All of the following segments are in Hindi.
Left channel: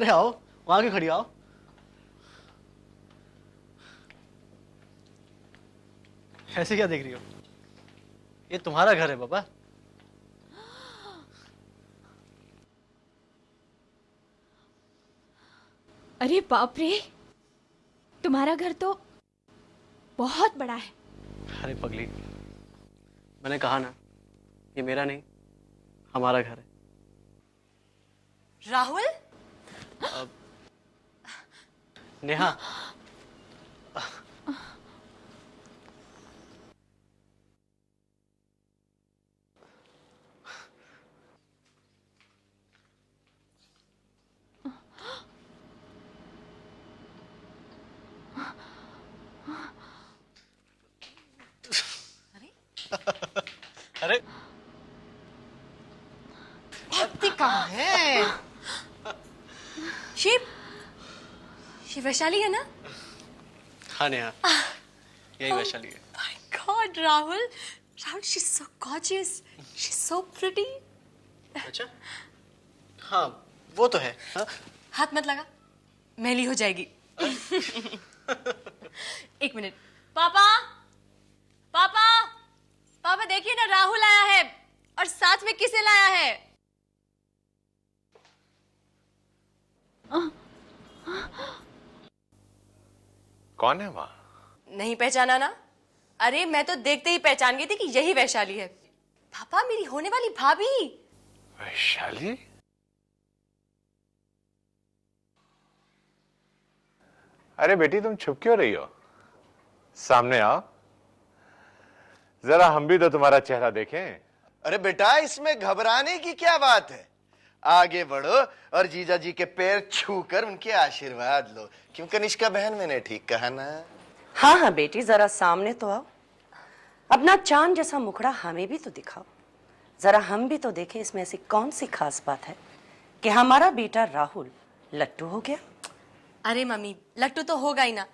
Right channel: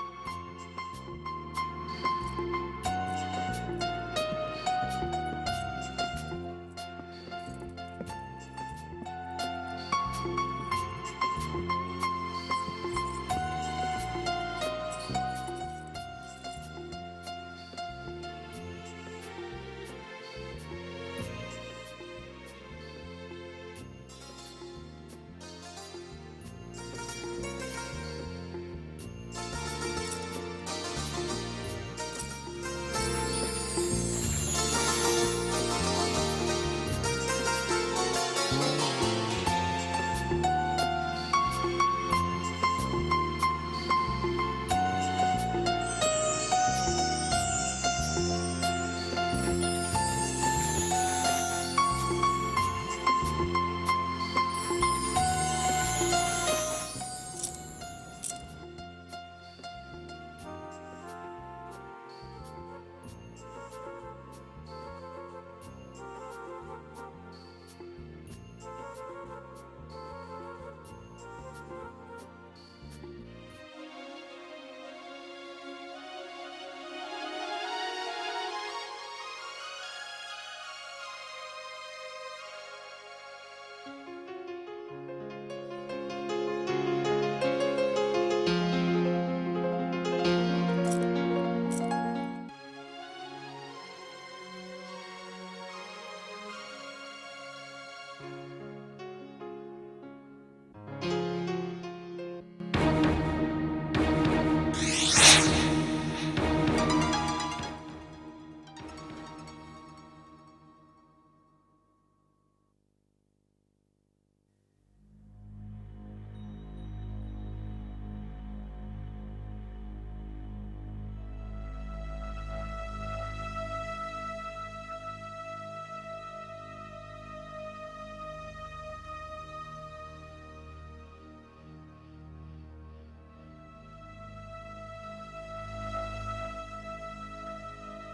अरे आओ, वहां क्यों खड़ी हो? आओ। ऐसे क्या देख रही हो? ये तुम्हारा घर है बाबा। अरे बाप रे, तुम्हारा घर तो बहुत बड़ा है। अरे पगली, मैंने कहा ना, ये मेरा नहीं, हमारा घर है। राहुल? नेहा, अरे कहाँ है? शिव वैशाली है ना? हाँ नेहा, यही वैशाली है। My God, Rahul, she's so gorgeous, she's so pretty. अच्छा, हाँ वो तो है। हाँ? हाथ मत लगा, मैली हो जाएगी। एक मिनट, पापा, पापा, पापा देखिए ना, राहुल आया है और साथ में किसे लाया है? कौन है वहाँ? नहीं पहचाना ना? अरे मैं तो देखते ही पहचान गई थी कि यही वैशाली है। पापा, मेरी होने वाली भाभी। वैशाली? अरे बेटी, तुम छुप क्यों रही हो? सामने आओ, जरा हम भी तो तुम्हारा चेहरा देखें। अरे बेटा, इसमें घबराने की क्या बात है? आगे बढ़ो और जीजा जी के पैर छूकर उनके आशीर्वाद लो। क्यों कनिष्का बहन, मैंने ठीक कहा ना? हाँ हाँ बेटी, जरा सामने तो आओ। अपना चांद जैसा मुखड़ा हमें भी तो दिखाओ। जरा हम भी तो देखें इसमें ऐसी कौन सी खास बात है कि हमारा बेटा राहुल लट्टू हो गया। अरे मम्मी, लट्टू तो होगा ही ना।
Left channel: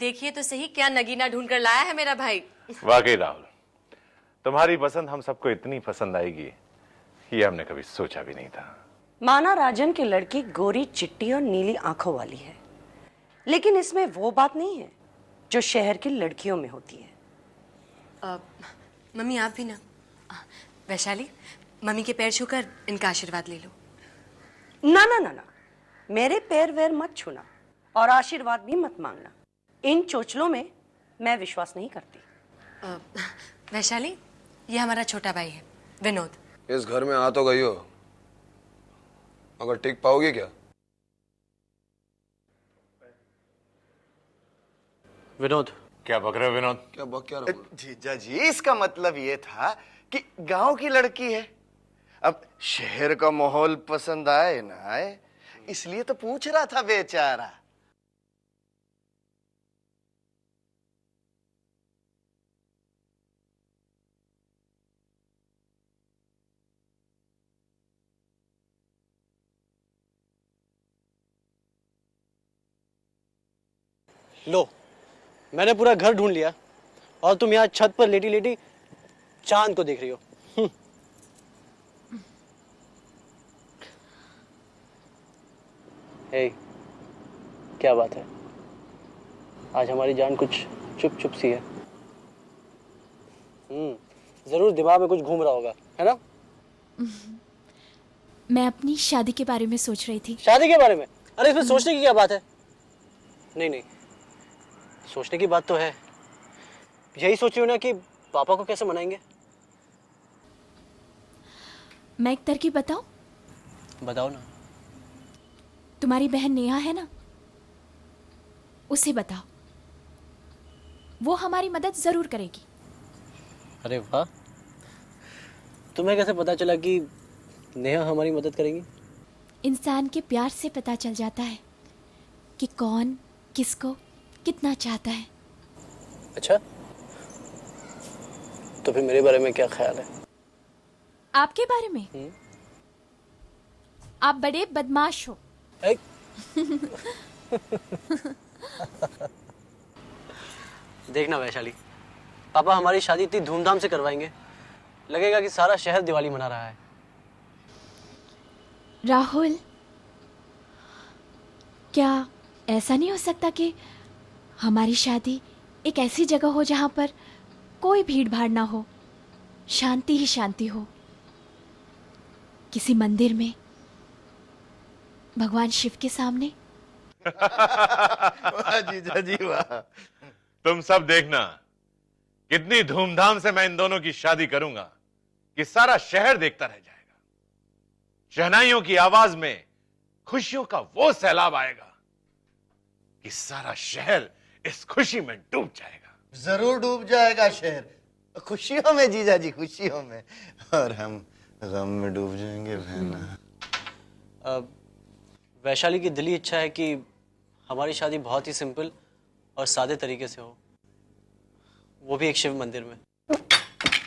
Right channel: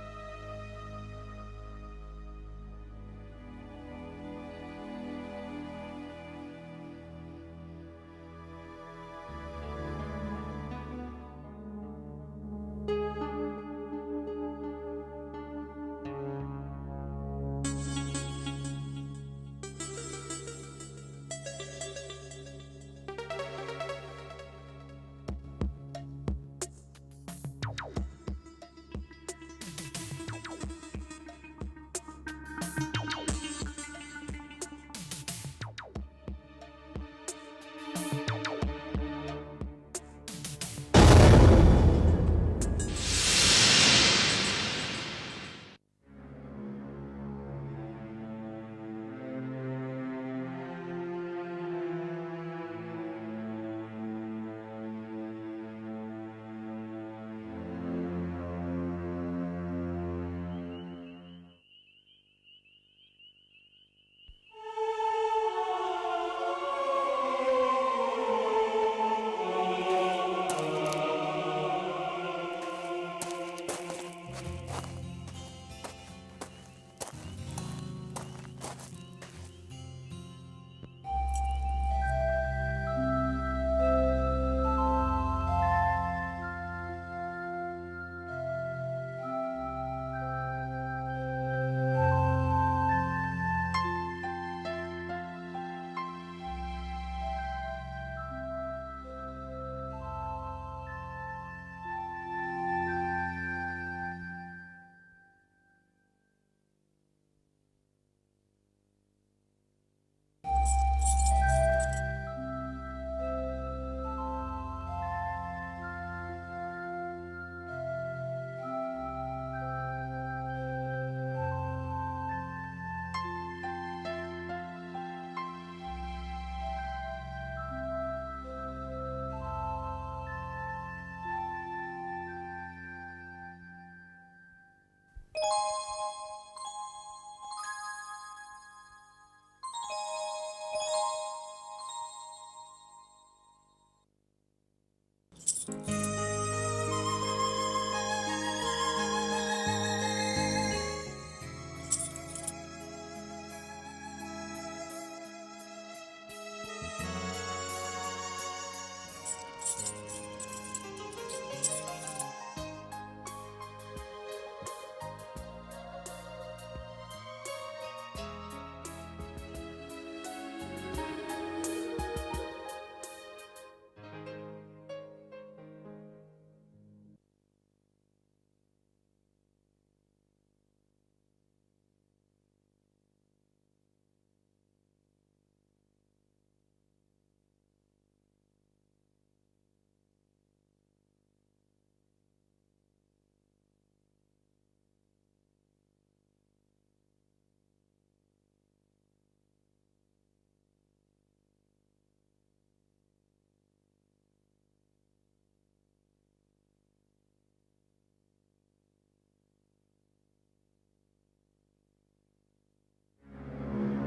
देखिए तो सही क्या नगीना ढूंढ कर लाया है मेरा भाई। वाकई राहुल, तुम्हारी पसंद हम सबको इतनी पसंद आएगी, ये हमने कभी सोचा भी नहीं था। माना राजन की लड़की गोरी चिट्टी और नीली आंखों वाली है, लेकिन इसमें वो बात नहीं है जो शहर की लड़कियों में होती है। मम्मी आप भी ना। वैशाली, मम्मी के पैर छूकर इनका आशीर्वाद ले लो। ना ना ना ना, मेरे पैर वैर मत छूना और आशीर्वाद भी मत मांगना। इन चोचलों में मैं विश्वास नहीं करती। वैशाली, ये हमारा छोटा भाई है विनोद। इस घर में आ तो गई हो, मगर टिक पाओगी क्या? विनोद। क्या बक रहे हो विनोद? क्या बक क्या रहा? जीजा जी, इसका मतलब ये था कि गांव की लड़की है। अब शहर का माहौल पसंद आए ना आए, इसलिए तो पूछ रहा था बेचारा। लो, मैंने पूरा घर ढूंढ लिया और तुम यहाँ छत पर लेटी लेटी चांद को देख रही हो। ए, क्या बात है? आज हमारी जान कुछ चुप चुप सी है। जरूर दिमाग में कुछ घूम रहा होगा, है ना? मैं अपनी शादी के बारे में सोच रही थी। शादी के बारे में? अरे इसमें सोचने की क्या बात है? नहीं नहीं, सोचने की बात तो है। यही सोच रही हो ना कि पापा को कैसे मनाएंगे? मैं एक तरकीब बताऊं? बताओ ना। तुम्हारी बहन नेहा है ना, उसे बताओ, वो हमारी मदद जरूर करेगी। अरे वाह, तुम्हें कैसे पता चला कि नेहा हमारी मदद करेगी? इंसान के प्यार से पता चल जाता है कि कौन किसको कितना चाहता है। अच्छा, तो फिर मेरे बारे में क्या ख्याल है? आपके बारे में? आप बड़े बदमाश हो। देखना वैशाली, पापा हमारी शादी इतनी धूमधाम से करवाएंगे, लगेगा कि सारा शहर दिवाली मना रहा है। राहुल, क्या ऐसा नहीं हो सकता कि हमारी शादी एक ऐसी जगह हो जहां पर कोई भीड़ भाड़ ना हो, शांति ही शांति हो, किसी मंदिर में भगवान शिव के सामने? वाह जीजा जी वाह। तुम सब देखना कितनी धूमधाम से मैं इन दोनों की शादी करूंगा कि सारा शहर देखता रह जाएगा। शहनाइयों की आवाज में खुशियों का वो सैलाब आएगा कि सारा शहर इस खुशी में डूब जाएगा। जरूर डूब जाएगा शहर, खुशियों में जीजा जी, खुशियों में, और हम गम में डूब जाएंगे बहना। वैशाली की दिली इच्छा है कि हमारी शादी बहुत ही सिंपल और सादे तरीके से हो, वो भी एक शिव मंदिर में।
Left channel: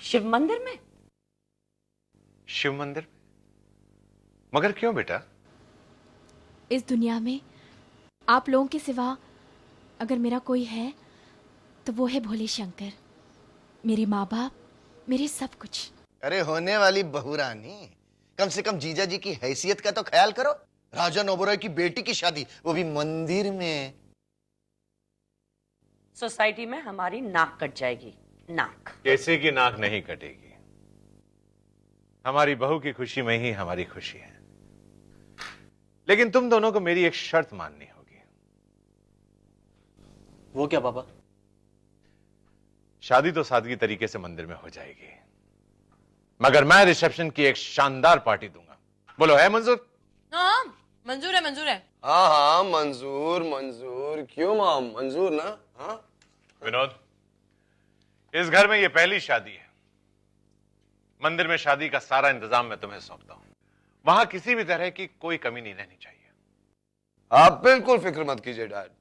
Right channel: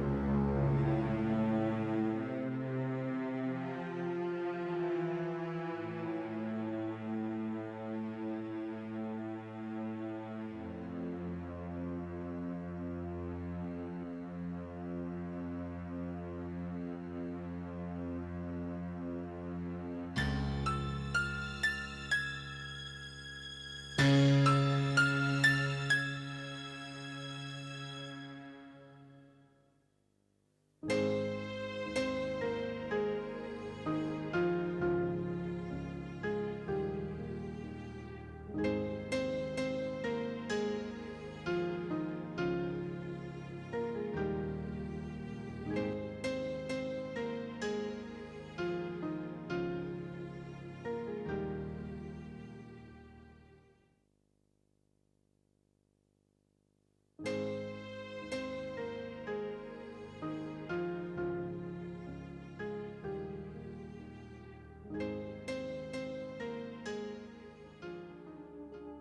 शिव मंदिर में? शिव मंदिर? मगर क्यों बेटा? इस दुनिया में आप लोगों के सिवा अगर मेरा कोई है तो वो है भोले शंकर, मेरे माँ बाप, मेरे सब कुछ। अरे होने वाली बहू रानी, कम से कम जीजा जी की हैसियत का तो ख्याल करो। राजा नोबराय की बेटी की शादी, वो भी मंदिर में। सोसाइटी में हमारी नाक कट जाएगी, नाक। कैसे की नाक नहीं कटेगी। हमारी बहू की खुशी में ही हमारी खुशी है। लेकिन तुम दोनों को मेरी एक शर्त माननी होगी। वो क्या पापा? शादी तो सादगी तरीके से मंदिर में हो जाएगी, मगर मैं रिसेप्शन की एक शानदार पार्टी दूंगा। बोलो है मंजूर? हाँ मंजूर है, मंजूर है। हाँ हाँ मंजूर मंजूर, क्यों माम, मंजूर ना। हाँ विनोद, इस घर में ये पहली शादी है। मंदिर में शादी का सारा इंतजाम मैं तुम्हें सौंपता हूं। वहां किसी भी तरह की कोई कमी नहीं रहनी चाहिए। आप बिल्कुल फिक्र मत कीजिए डैड,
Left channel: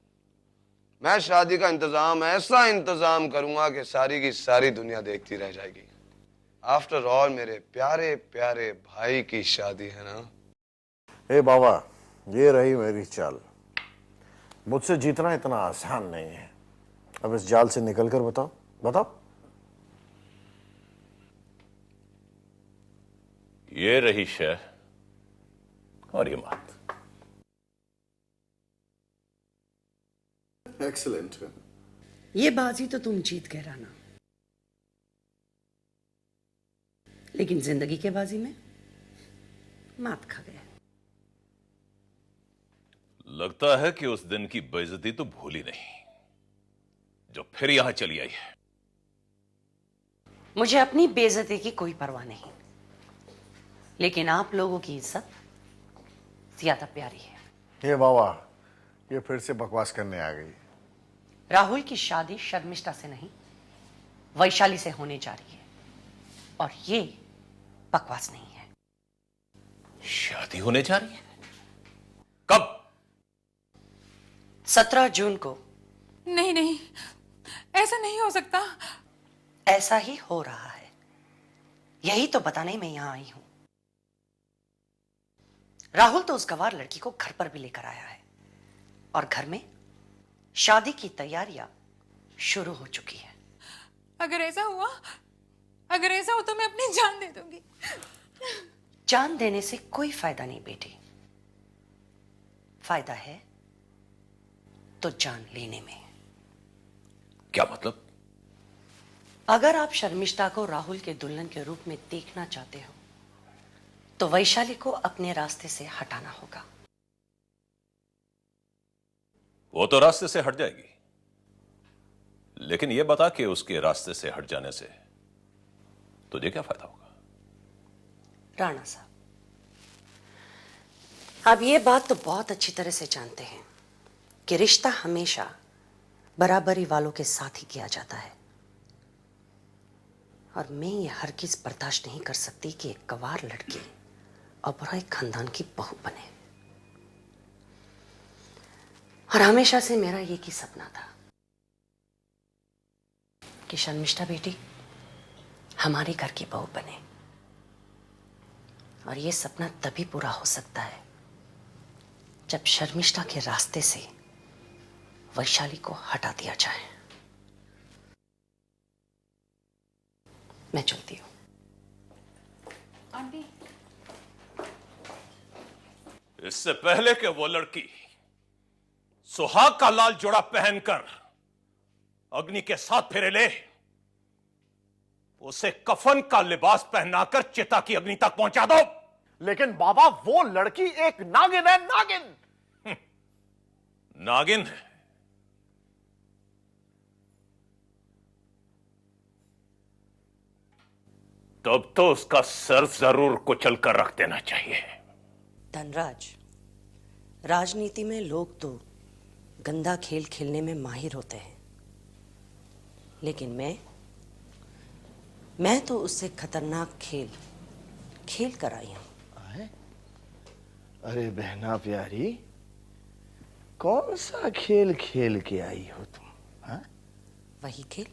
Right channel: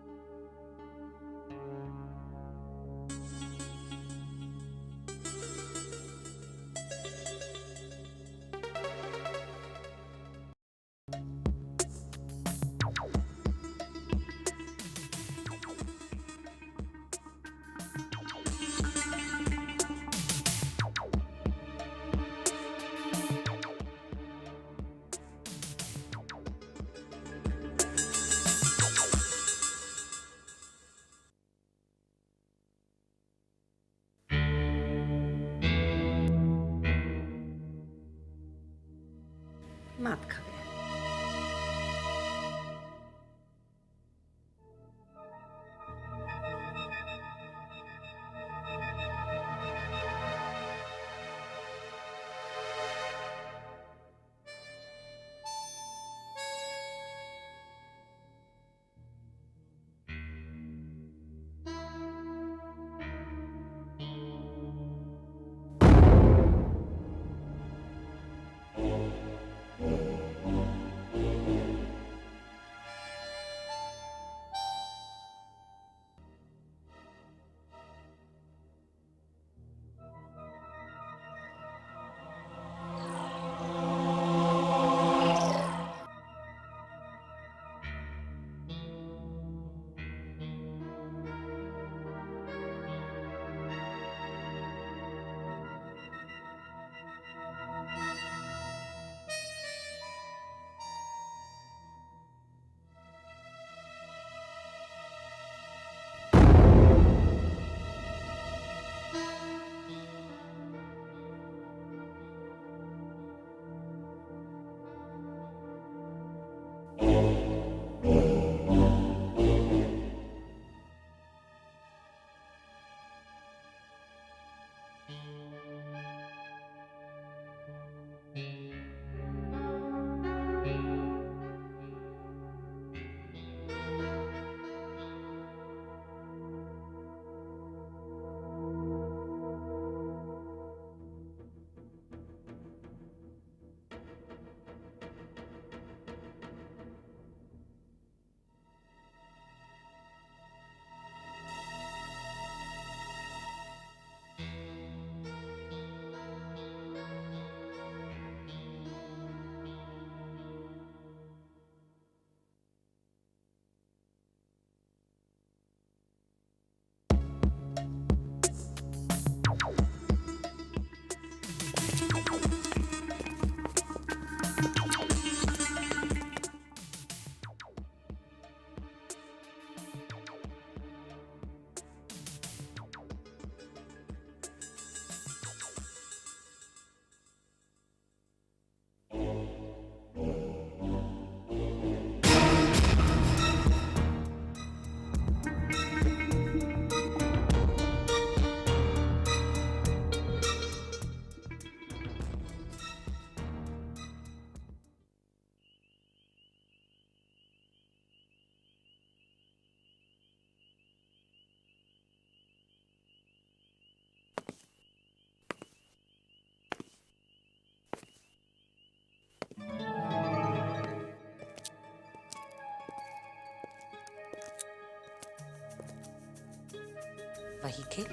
मैं शादी का इंतजाम ऐसा इंतजाम करूंगा कि सारी की सारी दुनिया देखती रह जाएगी। आफ्टर ऑल मेरे प्यारे प्यारे भाई की शादी है ना। ए बाबा, ये रही मेरी चाल। मुझसे जीतना इतना आसान नहीं है। अब इस जाल से निकलकर बताओ बताओ। ये रही शह और ये मात। एक्सीलेंट। ये बाजी तो तुम जीत गए राना, लेकिन जिंदगी के बाजी में मात खा गया। लगता है कि उस दिन की बेइज्जती तो भूली नहीं जो फिर यहां चली आई है। मुझे अपनी बेइज्जती की कोई परवाह नहीं, लेकिन आप लोगों की इज्जत ज्यादा प्यारी है। ये बाबा, ये फिर से बकवास करने आ गई। राहुल की शादी शर्मिष्ठा से नहीं, वैशाली से होने जा रही है, और ये बकवास नहीं है। शादी होने जा रही है? कब? 17 जून को। नहीं नहीं, ऐसा नहीं हो सकता। ऐसा ही हो रहा है, यही तो बताने मैं यहां आई हूं। राहुल तो उस गवार लड़की को घर पर भी लेकर आया है, और घर में शादी की तैयारियां शुरू हो चुकी है। अगर ऐसा हुआ तो मैं अपनी जान दे दूंगी। जान देने से कोई फायदा नहीं बेटी, फायदा है तो जान लेने में। क्या मतलब? अगर आप शर्मिष्ठा को राहुल के दुल्हन के रूप में देखना चाहते हो तो वैशाली को अपने रास्ते से हटाना होगा। वो तो रास्ते से हट जाएगी, लेकिन ये बता कि उसके रास्ते से हट जाने से तुझे क्या फायदा होगा? राणा साहब, आप ये बात तो बहुत अच्छी तरह से जानते हैं कि रिश्ता हमेशा बराबरी वालों के साथ ही किया जाता है, और मैं ये हरगिज बर्दाश्त नहीं कर सकती कि एक गवार लड़की ओबरॉय खानदान की बहू बने। और हमेशा से मेरा एक ही सपना था कि शर्मिष्ठा बेटी हमारे घर की बहू बने, और ये सपना तभी पूरा हो सकता है जब शर्मिष्ठा के रास्ते से वैशाली को हटा दिया जाए। मैं चलती हूं। इससे पहले कि वो लड़की सुहाग का लाल जोड़ा पहनकर अग्नि के साथ फेरे ले, उसे कफन का लिबास पहनाकर चिता की अग्नि तक पहुंचा दो। लेकिन बाबा वो लड़की एक नागिन है, नागिन। नागिन है? तब तो उसका सर जरूर कुचल कर रख देना चाहिए। धनराज, राजनीति में लोग तो गंदा खेल खेलने में माहिर होते हैं, लेकिन मैं तो उससे खतरनाक खेल खेल कर आई हूं। अरे बहना प्यारी, कौन सा खेल खेल के आई हो तुम? हा? वही खेल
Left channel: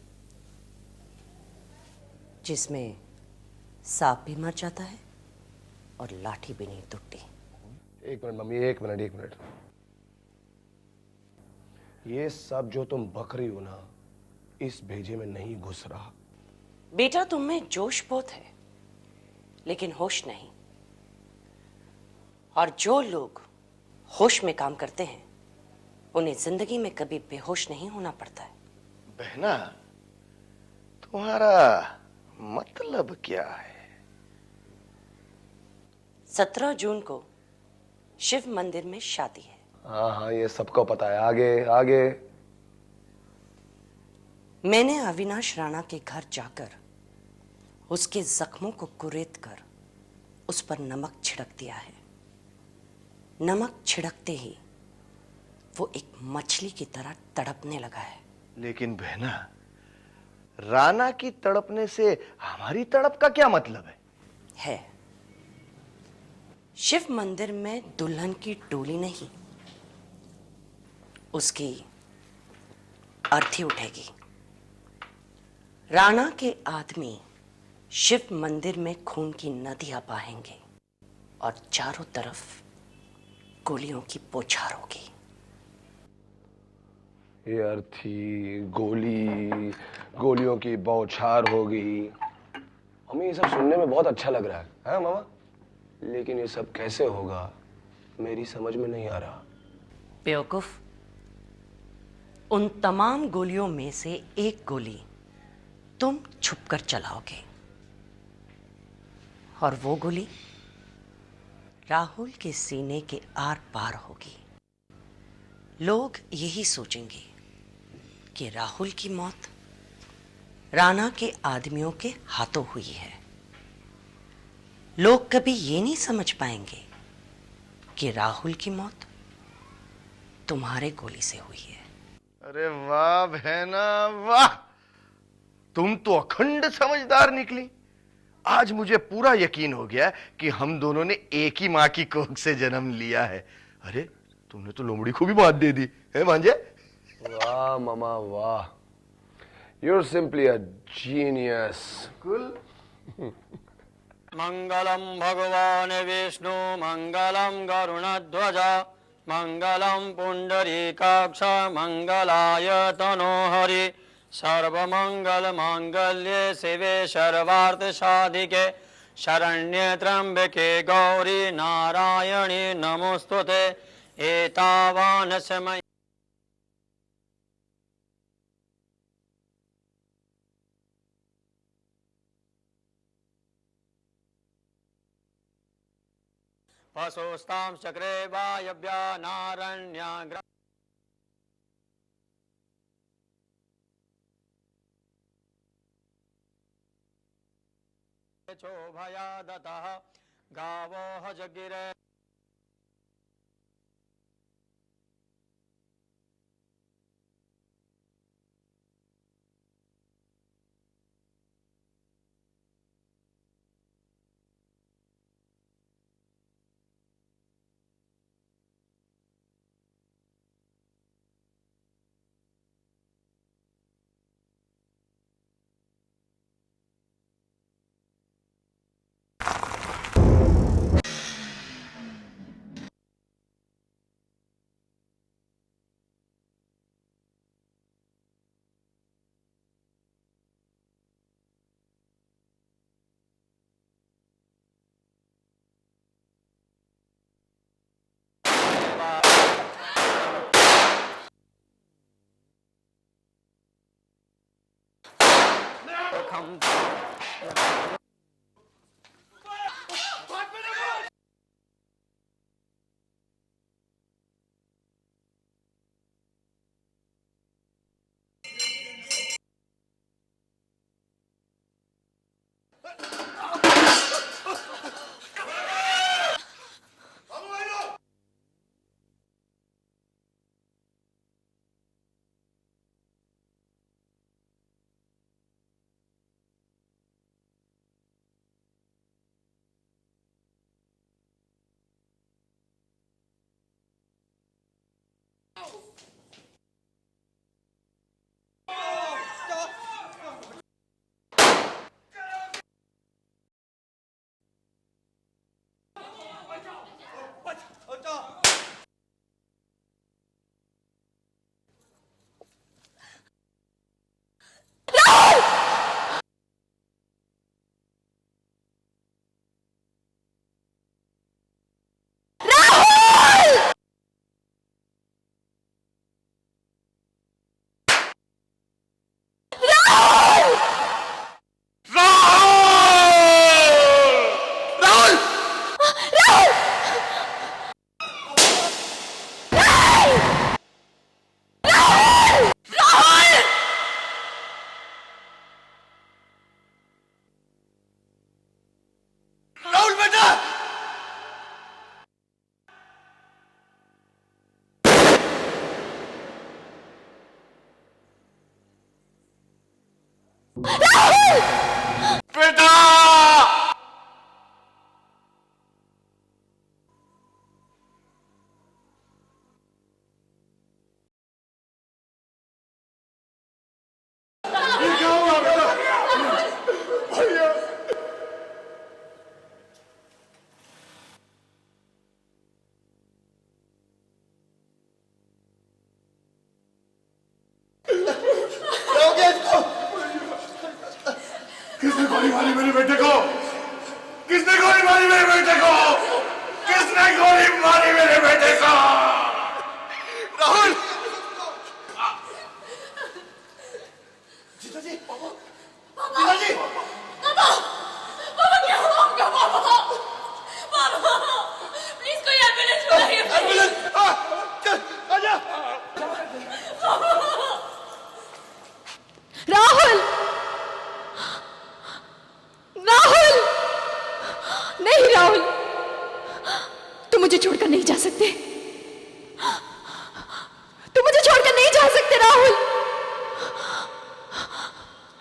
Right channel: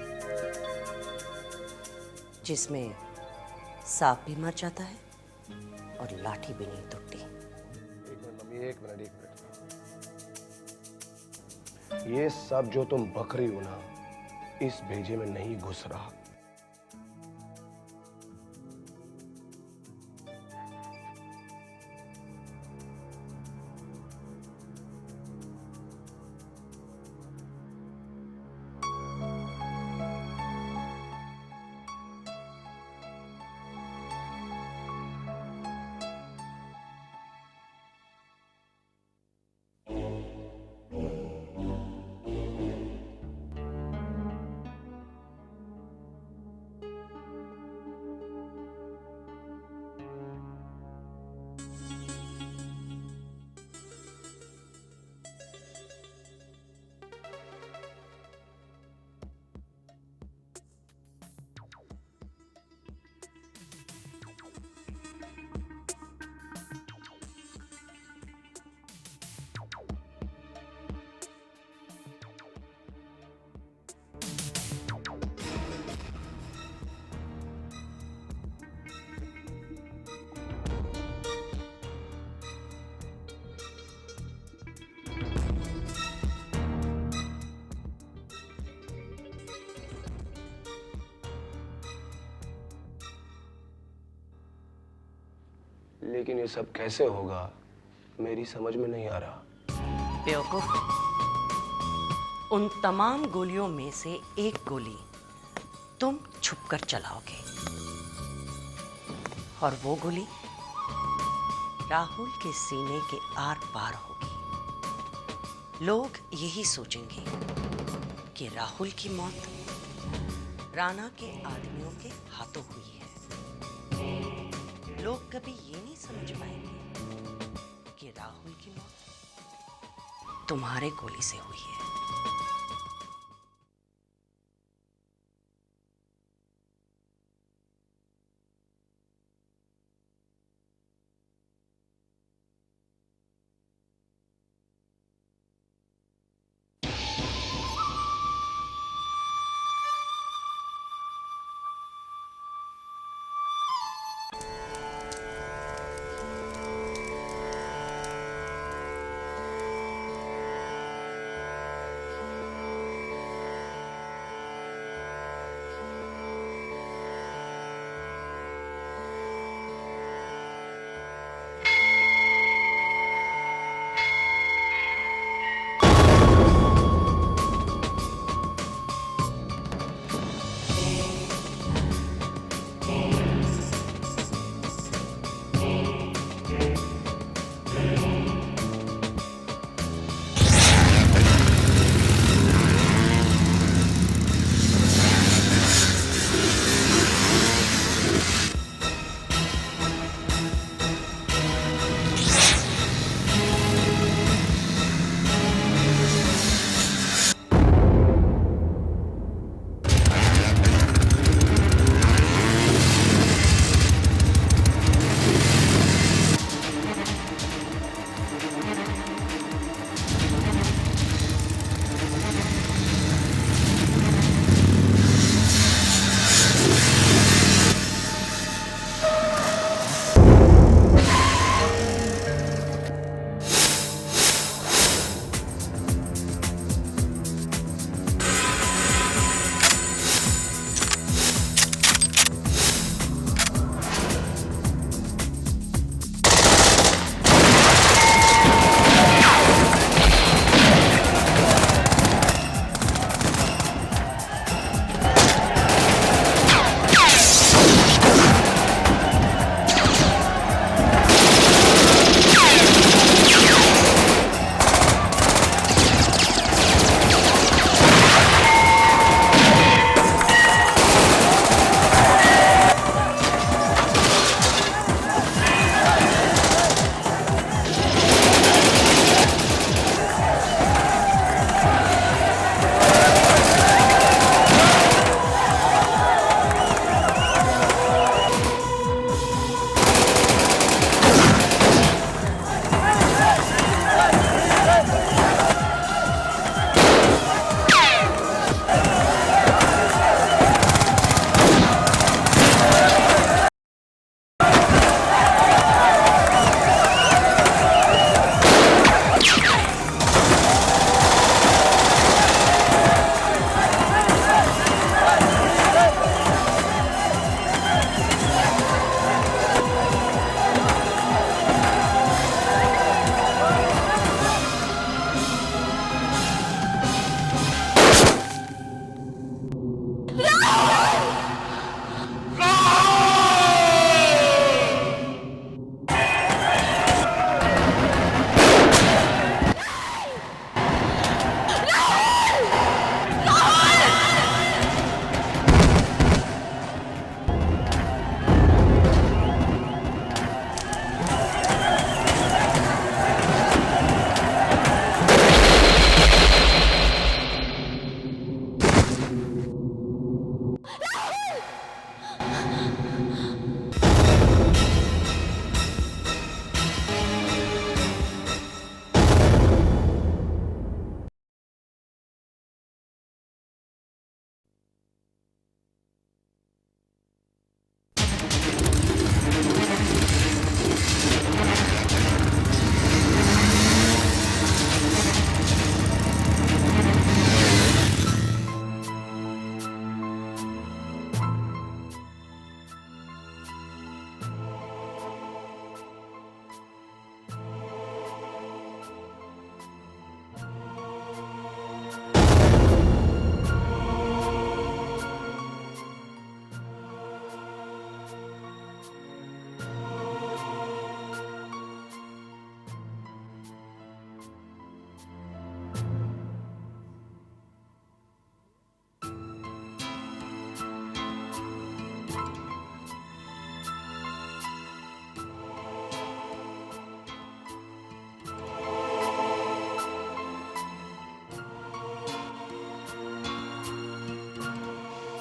जिसमें सांप भी मर जाता है और लाठी भी नहीं टूटती। एक मिनट मम्मी, एक मिनट। ये सब जो तुम बक रही हो ना, इस भेजे में नहीं घुस रहा। बेटा, तुम में जोश बहुत है लेकिन होश नहीं। और जो लोग होश में काम करते हैं उन्हें जिंदगी में कभी बेहोश नहीं होना पड़ता है। बहना, तुम्हारा मतलब क्या है? 17 जून को शिव मंदिर में शादी है। हाँ, ये सबको पता है। आगे। मैंने अविनाश राणा के घर जाकर उसके जख्मों को कुरेद कर उस पर नमक छिड़क दिया है। नमक छिड़कते ही वो एक मछली की तरह तड़पने लगा है। लेकिन बहना, राणा की तड़पने से हमारी तड़प का क्या मतलब है? शिव मंदिर में दुल्हन की डोली नहीं, उसकी अर्थी उठेगी। राणा के आदमी शिव मंदिर में खून की नदियां बहेंगे और चारों तरफ गोलियों की बौछार होगी। ये अर्थी, गोलियों की बौछार होगी। हमें ये सब सुनने में बहुत अच्छा लग रहा है, हाँ मामा? लेकिन ये सब कैसे होगा मेरी समझ में नहीं आ रहा। बेवकूफ, उन तमाम गोलियों में से एक गोली तुम छुपकर चलाओगे और वो गोली राहुल के सीने के आर पार होगी। लोग यही सोचेंगे कि राहुल की मौत राणा के आदमियों के हाथों हुई है। लोग कभी ये नहीं समझ पाएंगे कि राहुल की मौत तुम्हारे गोली से हुई है। अरे वाह बहना वाह, तुम तो अखंड समझदार निकली। आज मुझे पूरा यकीन हो गया कि हम दोनों ने एक ही माँ की कोख से जन्म लिया है। अरे तुमने तो लोमड़ी को भी मात दे दी है भांजे। वाह मामा वाह, you're simply a genius. मंगलम भगवान विष्णु मंगलम गरुणध्वज मंगलम पुंडरीकाक्ष मंगलाय तनोहरि सर्वमंगल मांगल्ये शिवे सर्वार्थ साधिके शरण्ये त्र्यंबके गौरी नारायणी नमोस्तुते एतावान समय। मारी मेरे बेटे को? किसने गोली मारी मेरे बेटे को? राहुल! पिताजी! पापा क्या हुआ आपका? पापा प्लीज कोई एम्बुलेंस बुलाइए। एम्बुलेंस! चल, आजा! राहुल! राहुल! नहीं राहुल, तुम मुझे छोड़कर नहीं जा सकते। तुम मुझे छोड़कर नहीं जा सकते राहुल।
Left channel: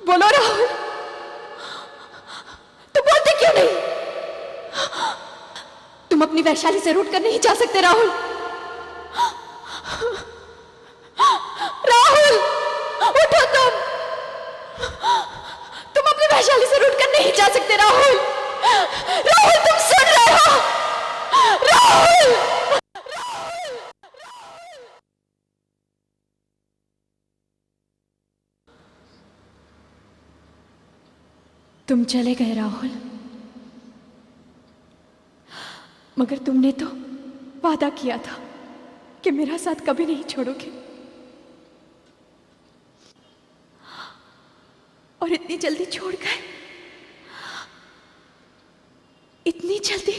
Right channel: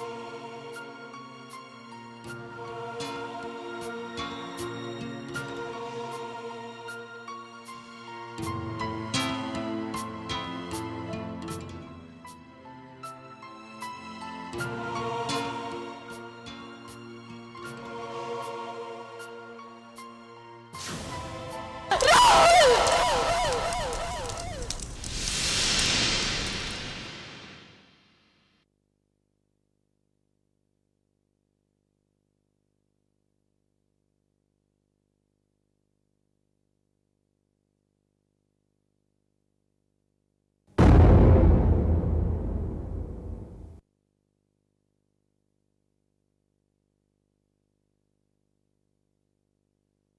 बोलो राहुल, तुम बोलते क्यों नहीं? तुम अपनी वैशाली से रूठ कर नहीं जा सकते राहुल। राहुल, उठो तुम अपनी वैशाली से रूठ कर नहीं जा सकते राहुल। राहुल, तुम सुन रहे हो? राहुल! तुम चले गए राहुल, मगर तुमने तो वादा किया था कि मेरा साथ कभी नहीं छोड़ोगे। और इतनी जल्दी छोड़ गए, इतनी जल्दी।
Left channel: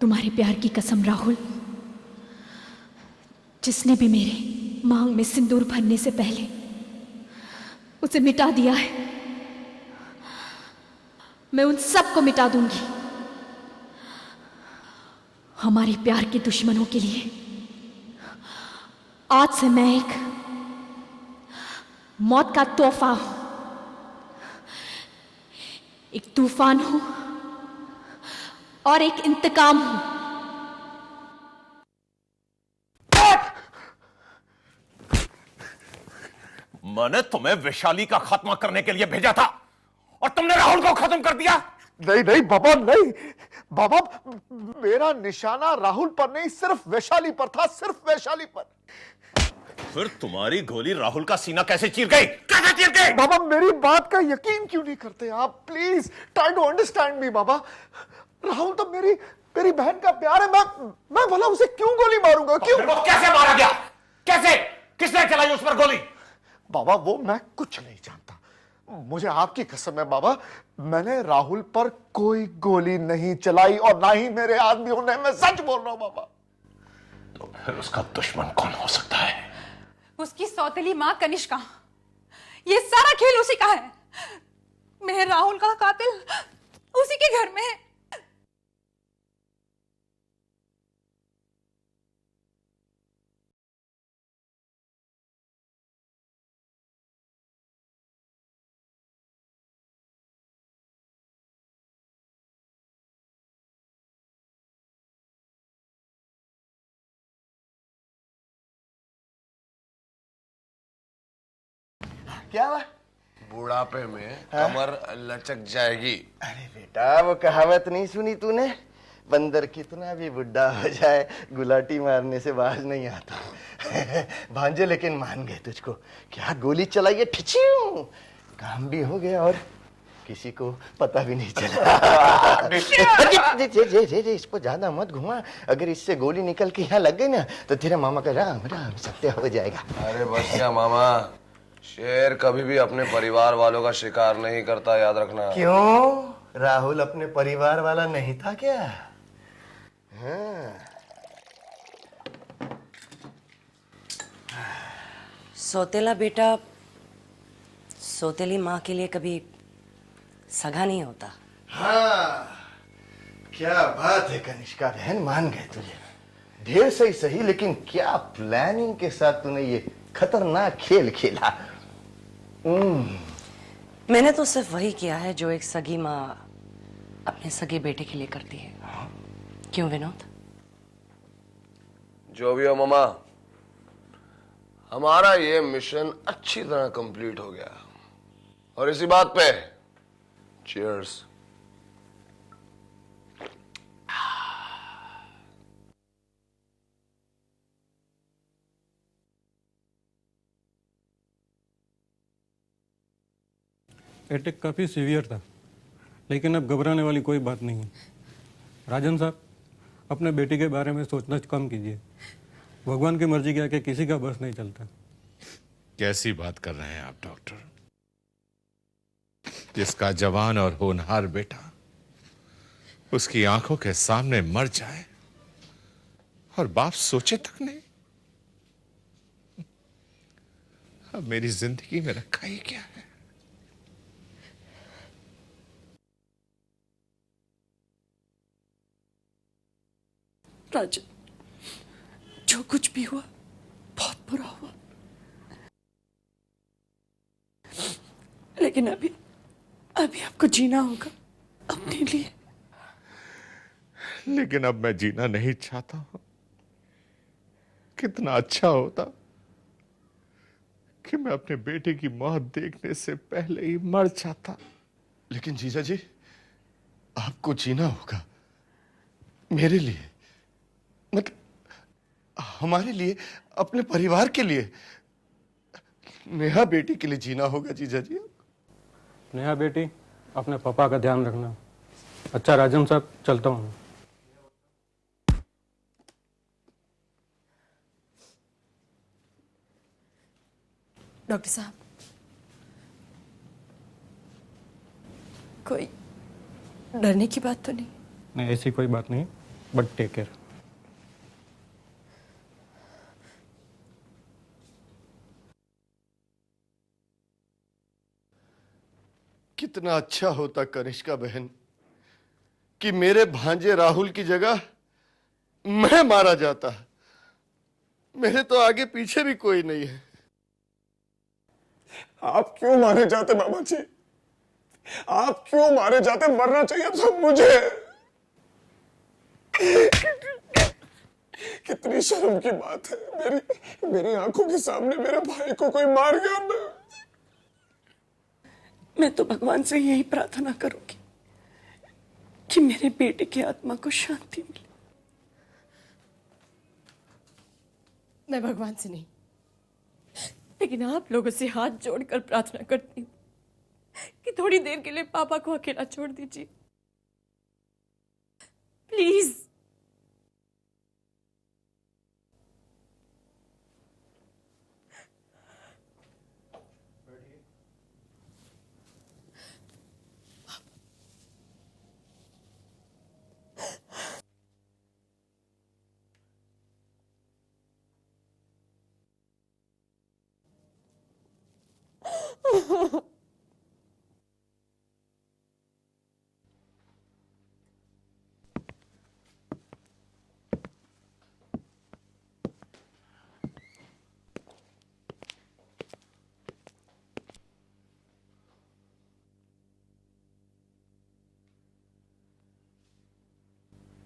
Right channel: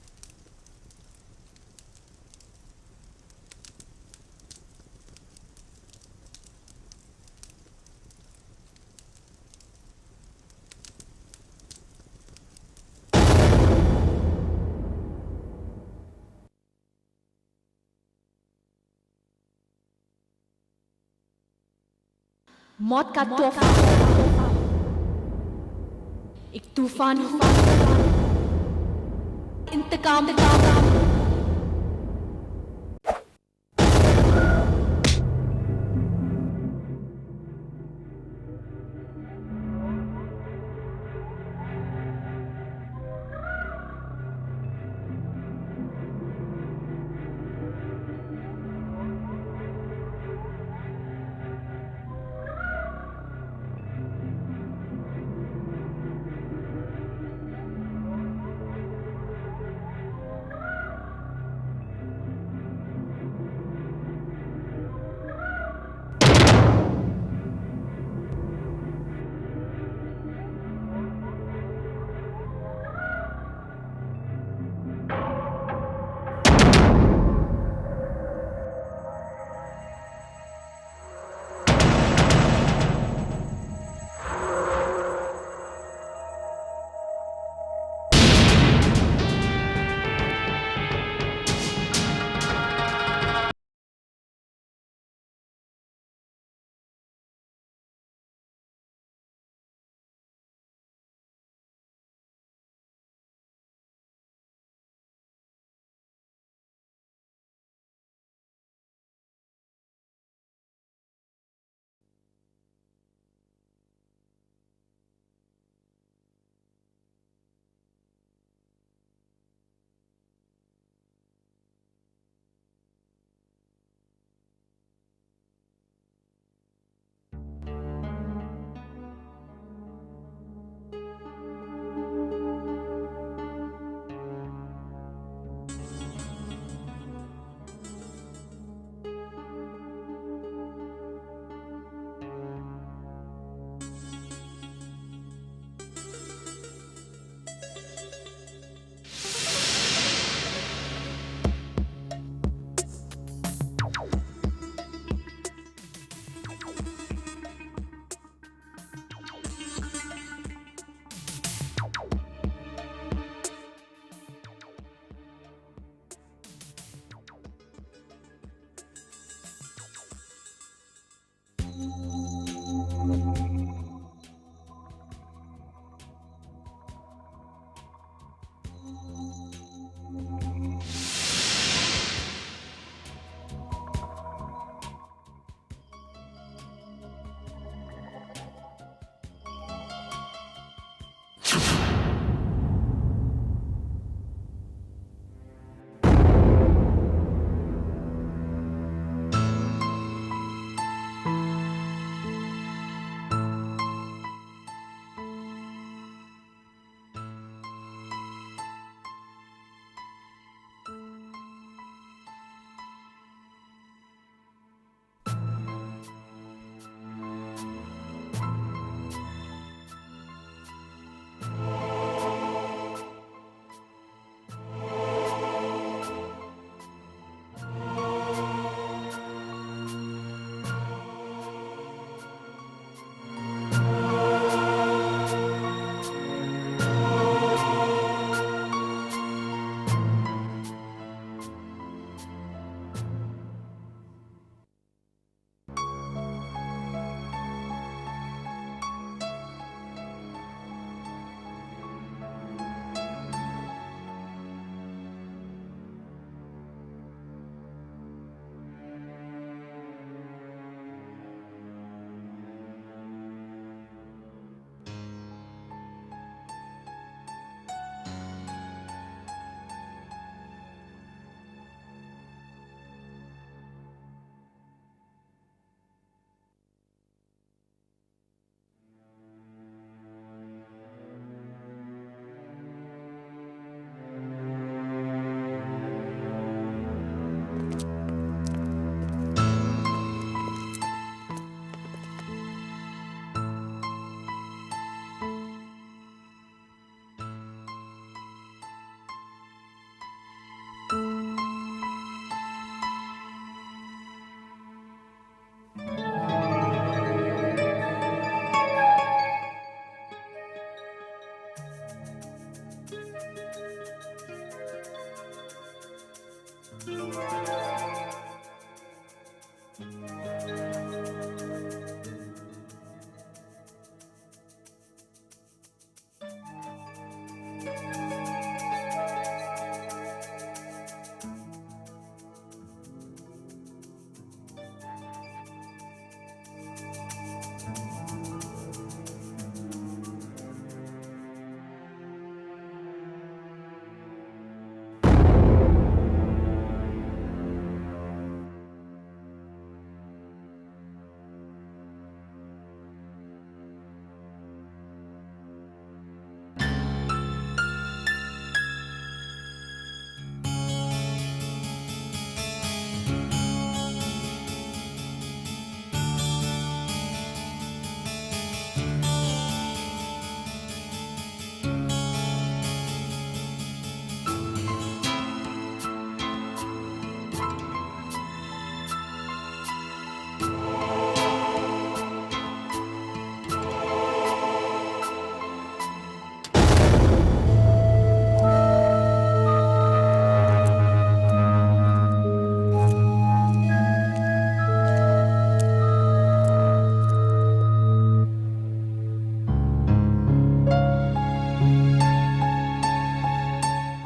तुम्हारे प्यार की कसम राहुल, जिसने भी मेरे मांग में सिंदूर भरने से पहले उसे मिटा दिया है, मैं उन सबको मिटा दूंगी। हमारे प्यार के दुश्मनों के लिए आज से मैं एक मौत का तोहफा, एक तूफान और एक इंतकाम। मैंने तुम्हें वैशाली का खात्मा करने के लिए भेजा था और तुमने राहुल को खत्म कर दिया। नहीं नहीं बाबा, नहीं बाबा, मेरा निशाना राहुल पर नहीं, सिर्फ वैशाली पर था, सिर्फ वैशाली पर। फिर तुम्हारी गोली राहुल का सीना कैसे चीर गई? कैसे चीर गई? बाबा, मेरी बात का यकीन क्यों नहीं करते आप? Please try to understand me बाबा। राहुल तो मेरी बहन का प्यार है। मैं भला उसे क्यों गोली मारूंगा? क्यों? कैसे मारा गया? कैसे? किसने चलाई उस पर गोली? बाबा, वो मैं कुछ नहीं जानता। मुझे आपकी कसम है बाबा, मैंने राहुल पर कोई गोली नहीं चलाई और ना ही मेरे आदमियों ने। मैं सच बोल रहा हूँ बाबा। फिर उसका दुश्मन कौन हो सकता है? उसकी सौतेली माँ कनिष्का। ये सारा खेल उसी का है। मेरे राहुल का कातिल उसी के घर में है। क्या हुआ? बुढ़ापे में कमर लचक जाएगी। अरे बेटा, वो कहावत नहीं सुनी तूने? बंदर कितना भी बुढ़ा हो जाए, गुलाटी मारने से बाज नहीं आता। भांजे लेकिन मान गए तुझको। क्या गोली चलाई है, ठिचियों! काम भी हो गया और किसी को पता भी नहीं चला। इसको ज्यादा मत घुमा। अगर इससे गोली निकल के यहाँ लग गई ना, तो तेरा मामा का राम राम सत्य हो जाएगा। अरे बस क्या मामा, शेर कभी भी अपने परिवार वालों का शिकार नहीं करता, याद रखना। क्यों? राहुल अपने परिवार वाला नहीं था क्या? सौतेला बेटा सौतेली माँ के लिए कभी सगा नहीं होता। हाँ, क्या बात है कनिष्का बहन, मान गए तुझे। ढेर सही, लेकिन क्या प्लानिंग के साथ तूने ये खतरनाक खेल खेला। मैंने तो सिर्फ वही किया है जो एक सगी माँ अपने सगे बेटे के लिए करती है। क्यों विनोद? जो भी हो मामा, हमारा ये मिशन अच्छी तरह कंप्लीट हो गया और इसी बात पे चीयर्स। अटैक काफ़ी सीवियर था, लेकिन अब घबराने वाली कोई बात नहीं है। राजन साहब, अपने बेटी के बारे में सोचना कम कीजिए। भगवान की मर्जी के आगे किसी का बस नहीं चलता। कैसी बात कर रहे हैं आप डॉक्टर? जिसका जवान और होनहार बेटा उसकी आंखों के सामने मर जाए और बाप सोचे तक नहीं। अब मेरी जिंदगी में रखा ही क्या है? राजू, जो कुछ भी हुआ बहुत बुरा हुआ, लेकिन अभी आपको जीना होगा अपने लिए। लेकिन अब मैं जीना नहीं चाहता हूं। कितना अच्छा होता कि मैं अपने बेटे की मौत देखने से पहले ही मर जाता। लेकिन जीजा जी, आपको जीना होगा मेरे लिए, मतलब हमारे लिए, अपने परिवार के लिए, नेहा बेटी के लिए जीना होगा जीजा जी। नेहा बेटी, अपने पापा का ध्यान रखना। अच्छा राजन साहब, चलता हूँ। डॉक्टर साहब, कोई डरने की बात तो नहीं? नहीं, ऐसी कोई बात नहीं, बट टेक केयर। कितना अच्छा होता कनिष्का बहन कि मेरे भांजे राहुल की जगह मैं मारा जाता। मेरे तो आगे पीछे भी कोई नहीं है। आप क्यों मारे जाते बाबा जी? आप क्यों मारे जाते? मरना चाहिए था मुझे। कितनी शर्म की बात है। मेरी आंखों के सामने मेरे भाई को कोई मार गया। मैं तो भगवान से यही प्रार्थना करूंगी कि मेरे बेटे की आत्मा को शांति मिले। मैं भगवान से नहीं, लेकिन आप लोगों से हाथ जोड़कर प्रार्थना करती हूँ कि थोड़ी देर के लिए पापा को अकेला छोड़ दीजिए, please.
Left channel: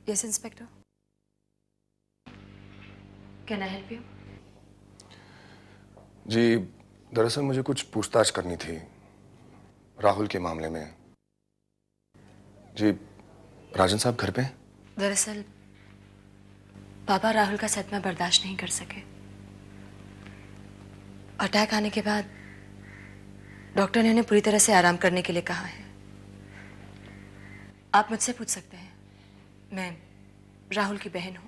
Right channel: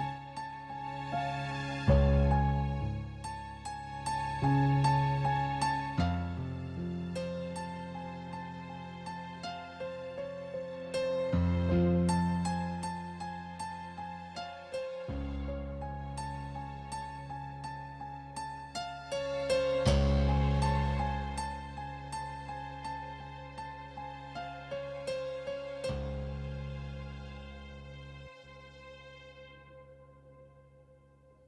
Yes, Inspector. Can I help you? जी, दरअसल मुझे कुछ पूछताछ करनी थी राहुल के मामले में। जी, राजन साहब घर पे हैं? दरअसल पापा राहुल का सदमा बर्दाश्त नहीं कर सके। अटैक आने के बाद डॉक्टर ने उन्हें पूरी तरह से आराम करने के लिए कहा है। आप मुझसे पूछ सकते हैं, मैं राहुल की बहन हूँ।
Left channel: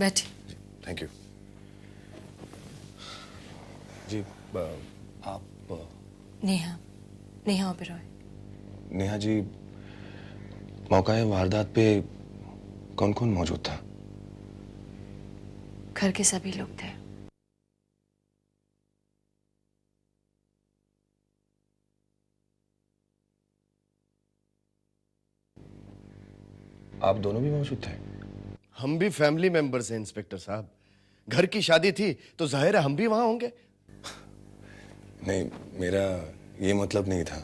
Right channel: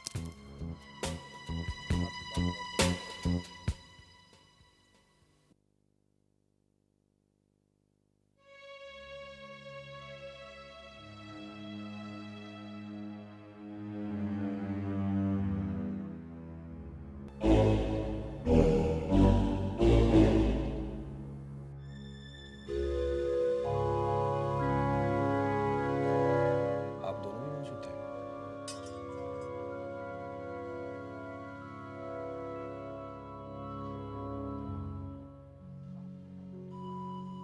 बैठी। Thank you. जी, आप नेहा ओबेरॉय। नेहा जी, मौका वारदात पे कौन कौन मौजूद था? घर के सभी लोग थे। आप दोनों भी मौजूद थे? हम भी फैमिली मेंबर्स हैं इंस्पेक्टर साहब। घर की शादी थी तो जाहिर है हम भी वहां होंगे। नहीं, मेरा ये मतलब नहीं था।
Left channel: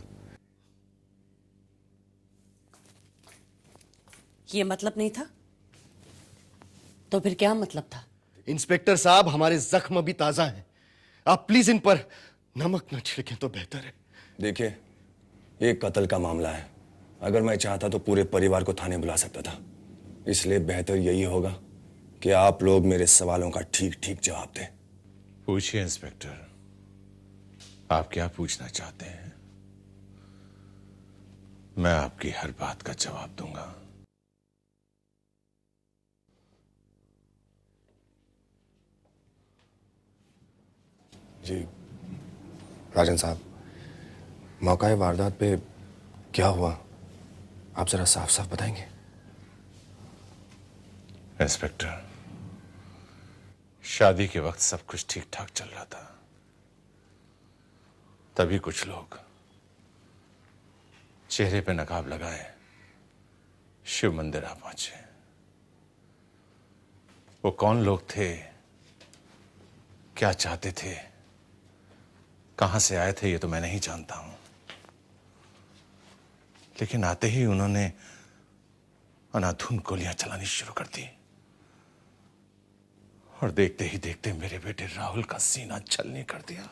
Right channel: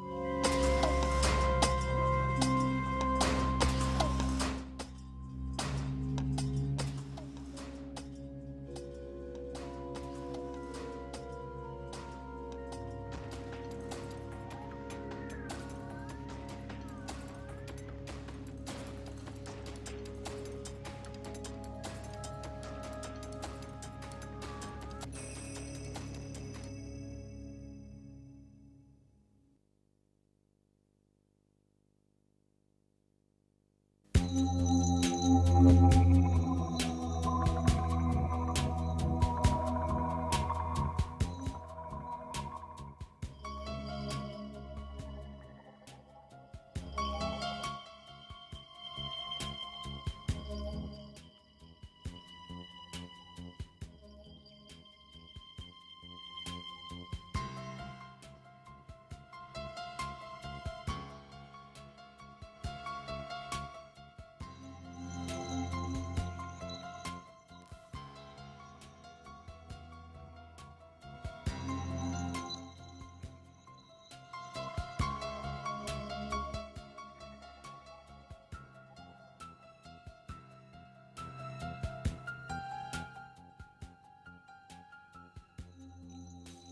ये मतलब नहीं था? तो फिर क्या मतलब था? इंस्पेक्टर साहब, हमारे जख्म अभी ताजा हैं। आप प्लीज इन पर नमक न छिड़के तो बेहतर है। देखिए, ये कत्ल का मामला है। अगर मैं चाहता तो पूरे परिवार को थाने बुला सकता था। इसलिए बेहतर यही होगा कि आप लोग मेरे सवालों का ठीक ठीक जवाब दें। पूछिए इंस्पेक्टर, आप क्या पूछना चाहते हैं? मैं आपकी हर बात का जवाब दूंगा। जी राजन साहब, मौका वारदात पे क्या हुआ, आप जरा साफ साफ बताएंगे? इंस्पेक्टर, शादी के वक्त सब कुछ ठीक ठाक चल रहा था। तभी कुछ लोग चेहरे पे नकाब लगाए शिव मंदिर आ पहुंचे। वो कौन लोग थे, क्या चाहते थे, कहां से आए थे, ये तो मैं नहीं जानता हूं। लेकिन आते ही उन्होंने अनाधुन गोलियां चलानी शुरू कर दी और देखते ही देखते मेरे बेटे राहुल का सीना छलनी कर दिया।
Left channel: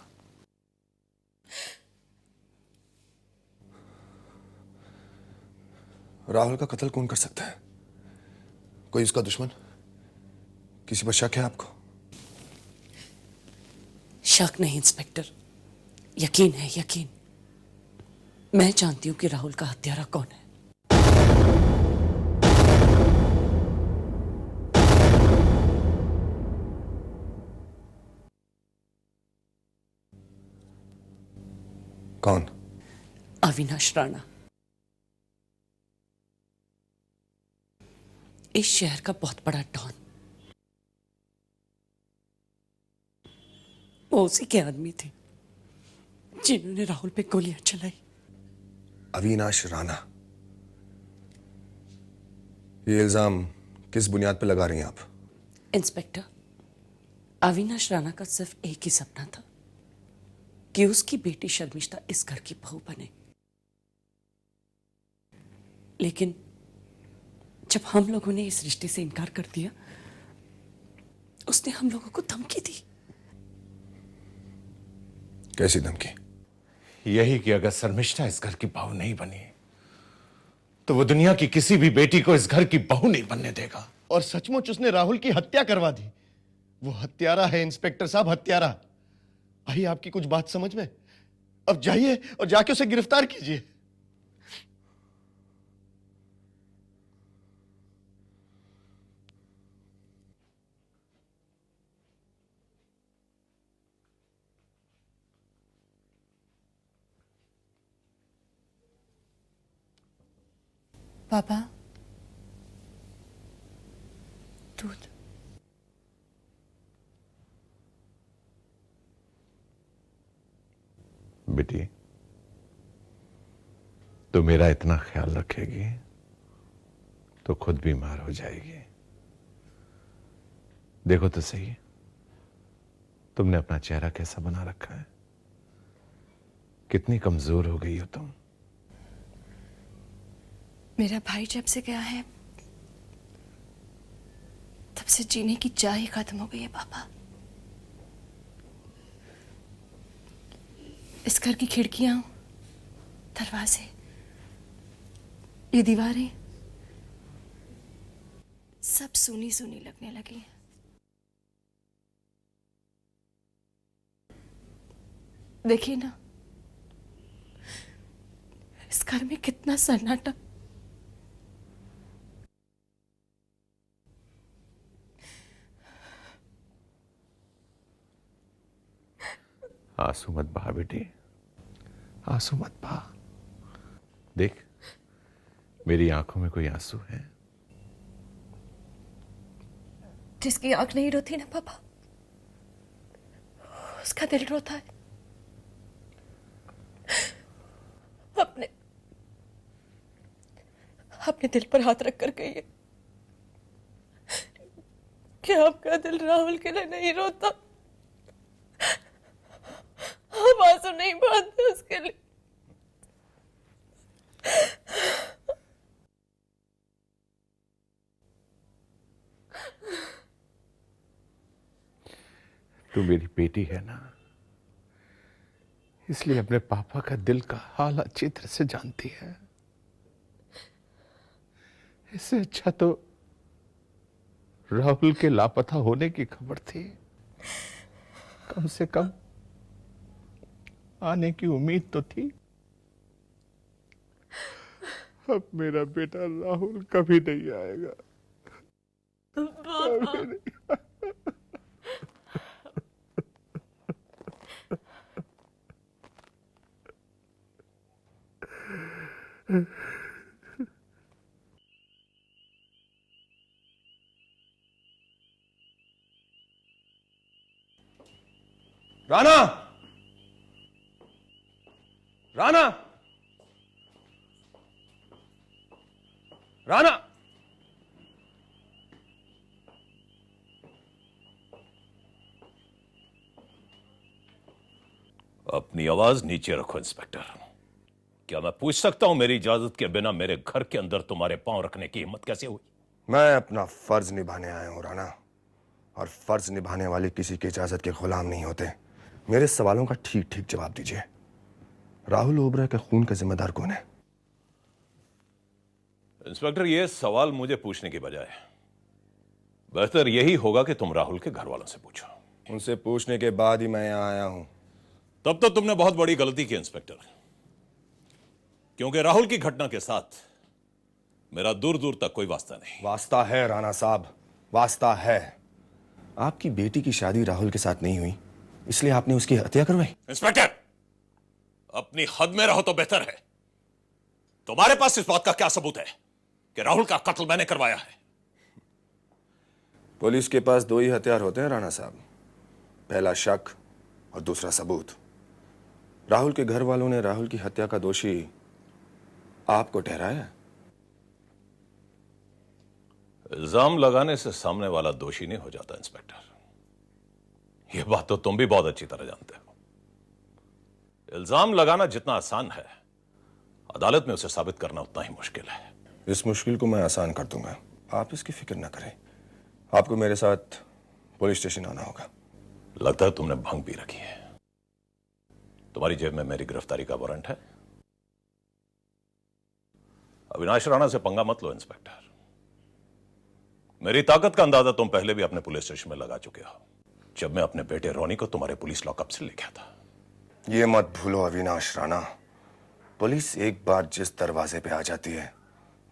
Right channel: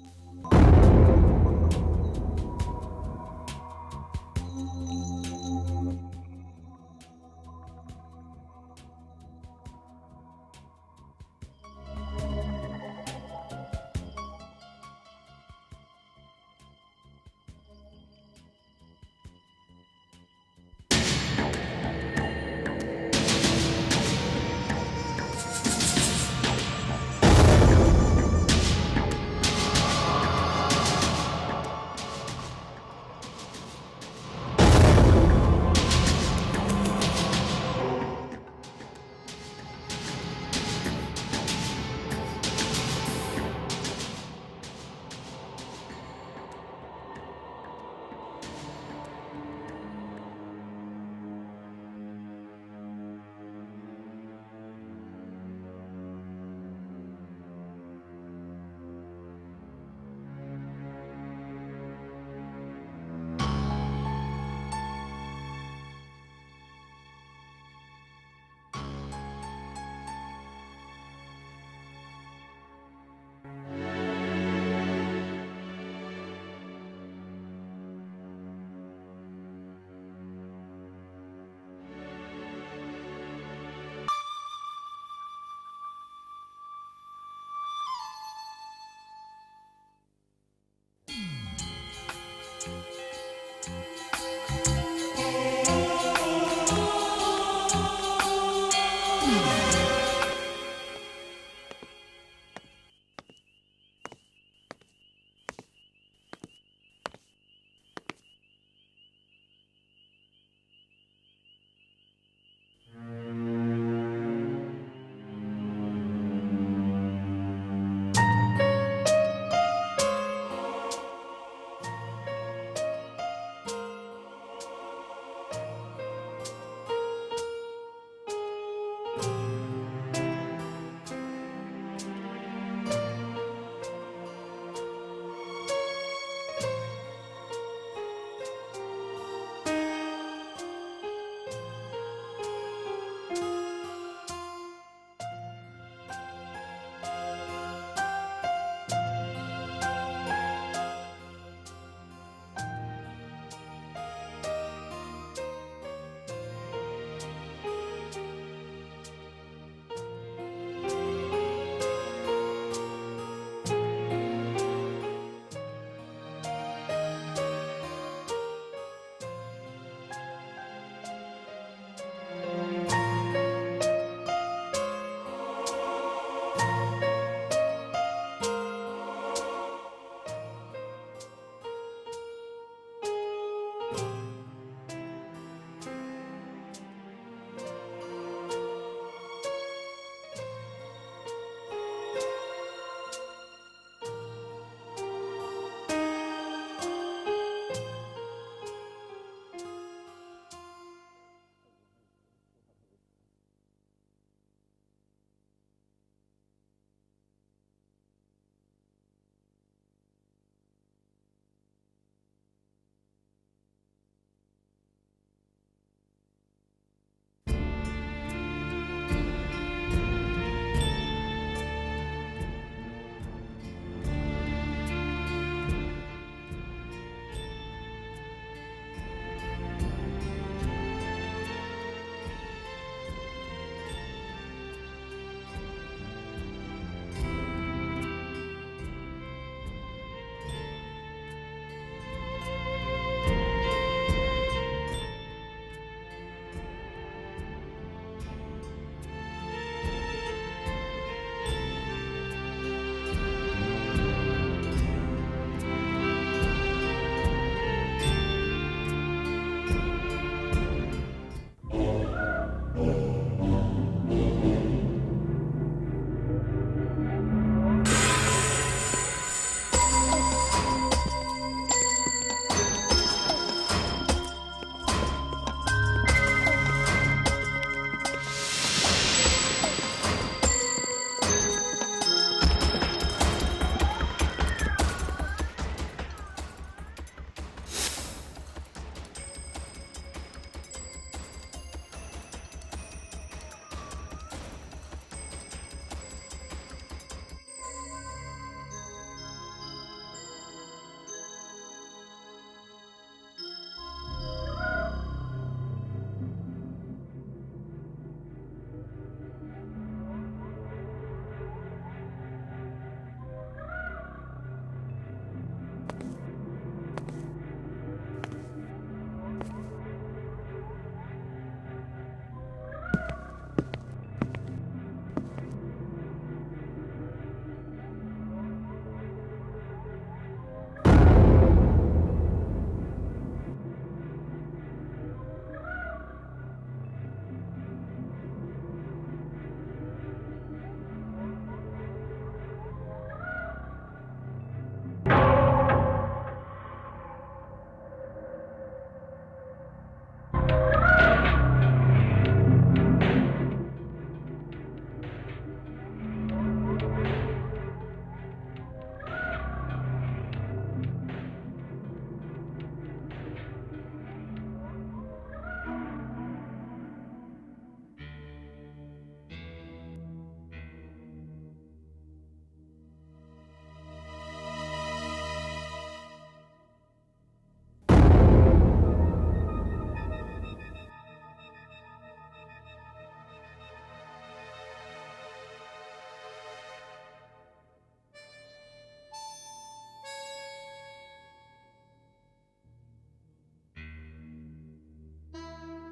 राहुल का कत्ल कौन कर सकता है? कोई उसका दुश्मन? किसी पर शक है आपको? शक नहीं इंस्पेक्टर, यकीन है, यकीन। मैं जानती हूं कि राहुल का हत्यारा कौन है। कौन? अविनाश राणा। इस शहर का बहुत बड़ा डॉन। वो उसी के आदमी थे जिन्होंने राहुल पे गोलियां चलाई। अविनाश राणा? ये इल्जाम किस बुनियाद पे लगा रही हैं आप? इंस्पेक्टर, अविनाश राणा का सिर्फ एक ही सपना था कि उसकी बेटी शर्मिष्ठा इस घर की बहू बने। लेकिन जब हम लोगों ने इस रिश्ते से इनकार कर दिया, उसने हम लोगों को धमकी दी। कैसी धमकी? यही कि अगर शर्मिष्ठा इस घर की बहू नहीं बनी तो वो दुनिया की किसी भी बेटी को इस घर की बहू नहीं बनने देगा। और सचमुच उसने राहुल की हत्या करवा दी। वो हत्यारा है इंस्पेक्टर साहब, हत्यारा। आई आपकी कुछ बात समझ में? अब जाइए और जाके उसे गिरफ्तार कीजिए। पापा, दूध। बेटी, तो मेरा इतना ख्याल रखेगी तो खुद बीमार हो जाएगी। देखो तो सही, तुमने अपना चेहरा कैसा बना रखा है, कितनी कमजोर हो गई हो तुम। मेरा भाई जब से गया है तब से जीने की चाह ही खत्म हो गई है पापा। इस घर की खिड़कियां, दरवाजे, ये दीवारें सब सूनी सूनी लगने लगी है। देखिए ना, इस घर में कितना सन्नाटा। आंसू मत बहा बेटी, आंसू मत बहा। देख, मेरी आंखों में कोई आंसू है? जिसकी आंख नहीं रोती ना पापा, उसका दिल रोता है। अपने अपने दिल पर हाथ रख कर कहिए कि आपका दिल राहुल के लिए नहीं रोता। आप आंसू नहीं बहाते उसके लिए। तू मेरी बेटी है ना, इसलिए अपने पापा का दिल का हाल अच्छी तरह से जानती है। इससे अच्छा तो राहुल के लापता होने की खबर थी, कम से कम आने की उम्मीद तो थी। अब मेरा बेटा राहुल कभी नहीं आएगा। राणा, राणा, राणा। अपनी आवाज नीचे रखो इंस्पेक्टर। क्या मैं पूछ सकता हूं मेरी इजाजत के बिना मेरे घर के अंदर तुम्हारे पांव रखने की हिम्मत कैसे हुई? मैं अपना फर्ज निभाने आया हूं राणा, और फर्ज निभाने वाले किसी की इजाजत के गुलाम नहीं होते। मेरे सवालों का ठीक ठीक जवाब दीजिए। राहुल ओबरा के खून का जिम्मेदार कौन है? इंस्पेक्टर, ये सवाल मुझे पूछने की बजाय बेहतर यही होगा कि तुम राहुल के घर वालों से पूछो। उनसे पूछने के बाद ही मैं यहाँ आया हूं। तब तो तुमने बहुत बड़ी गलती की इंस्पेक्टर, क्योंकि राहुल की घटना के साथ मेरा दूर दूर तक कोई वास्ता नहीं। वास्ता है राणा साहब, वास्ता है। आपकी बेटी की शादी राहुल के साथ नहीं हुई, इसलिए आपने उसकी हत्या करवाई। इंस्पेक्टर, अपनी हद में रहो तो बेहतर है। तुम्हारे पास इस बात का क्या सबूत है कि राहुल का कत्ल मैंने करवाया है? पुलिस के पास दो ही हथियार होते हैं राणा साहब, पहला शक और दूसरा सबूत। राहुल के घर वालों ने राहुल की हत्या का दोषी आपको ठहराया। इल्जाम लगाने से सामने वाला दोषी नहीं हो जाता इंस्पेक्टर, यह बात तो तुम भी बहुत अच्छी तरह जानते हो। इल्जाम लगाना जितना आसान है, अदालत में उसे साबित करना उतना ही मुश्किल है। इस मुश्किल को मैं आसान कर दूंगा, आप इसकी फिक्र ना करें। आपको मेरे साथ पुलिस स्टेशन आना होगा। लगता है तुमने भंग पी रखी है। तुम्हारी जेब में मेरी गिरफ्तारी का वारंट है। अविनाश राणा से पंगा मत लो इंस्पेक्टर। मेरी ताकत का अंदाजा तुम पहले भी अपने पुलिस स्टेशन में लगा चुके हो, जब मैं अपने बेटे रोनी को तुम्हारे पुलिस लॉकअप से लेके आता। ये मत भूलो अविनाश राणा, पुलिस एक बार जिस दरवाजे पे आ जाती है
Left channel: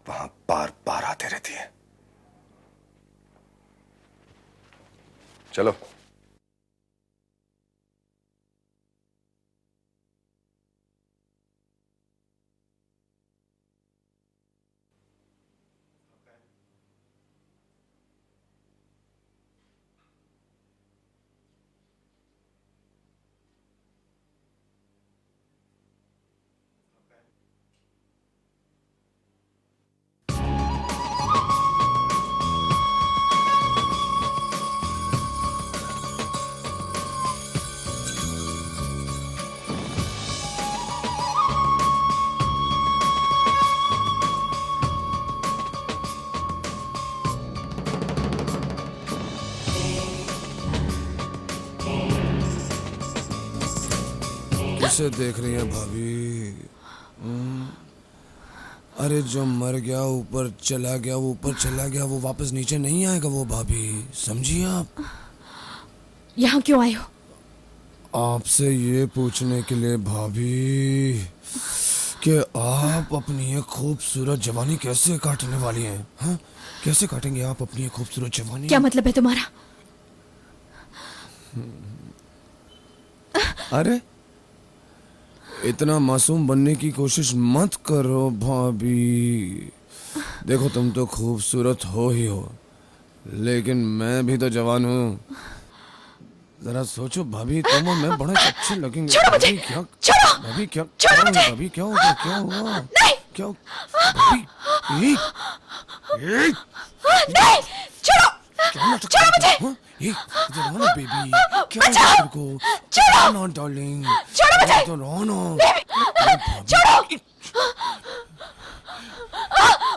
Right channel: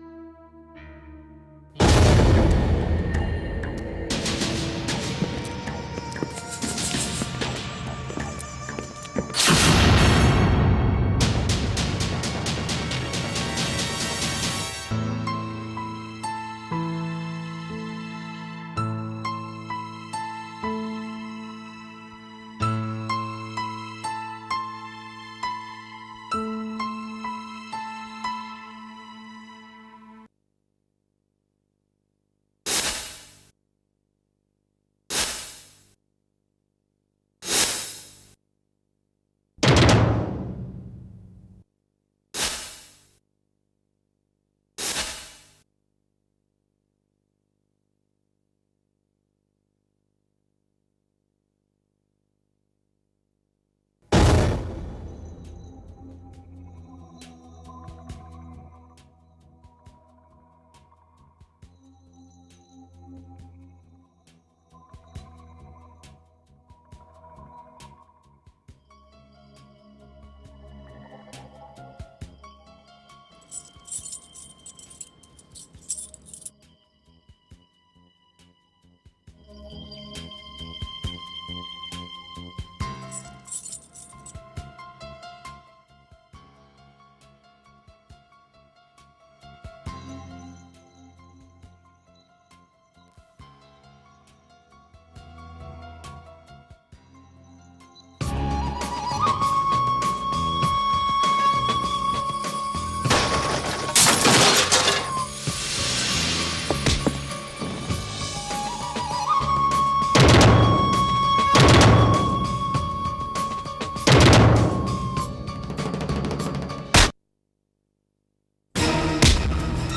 वहां बार बार आते रहती है। चलो। किसे देख रही है भाभी? अरे जो मर गया ऊपर चला गया, वो ऊपर चला गया, वो वापस नीचे नहीं आएगा वो भाभी, समझिए आप। यहाँ क्यों आए हो? आपसे ये पूछने के लिए भाभी कि आप अपनी ये खूबसूरत जवानी कैसे काटने वाली हैं? हाँ? कैसे काटेंगे आप अपनी ये खूबसूरत जवानी? क्या मतलब है तुम्हारा? अरे इतना मासूम बनने की कोशिश मत करो भाभी। देखो तुम तो खूबसूरत हो ही हो, लेकिन मैं भी तो जवान हूँ। जरा सोचो भाभी, तुम और मैं बड़ा अच्छे लगेंगे। छोड़ो मुझे! छोड़ो! भाभी क्या? छोड़ो मुझे! भाभी क्या हो गया? क्या हुआ? नहीं! नहीं! छोड़ो! छोड़ो मुझे! बचाओ! छोड़ो! छोड़ो मुझे! छोड़ो!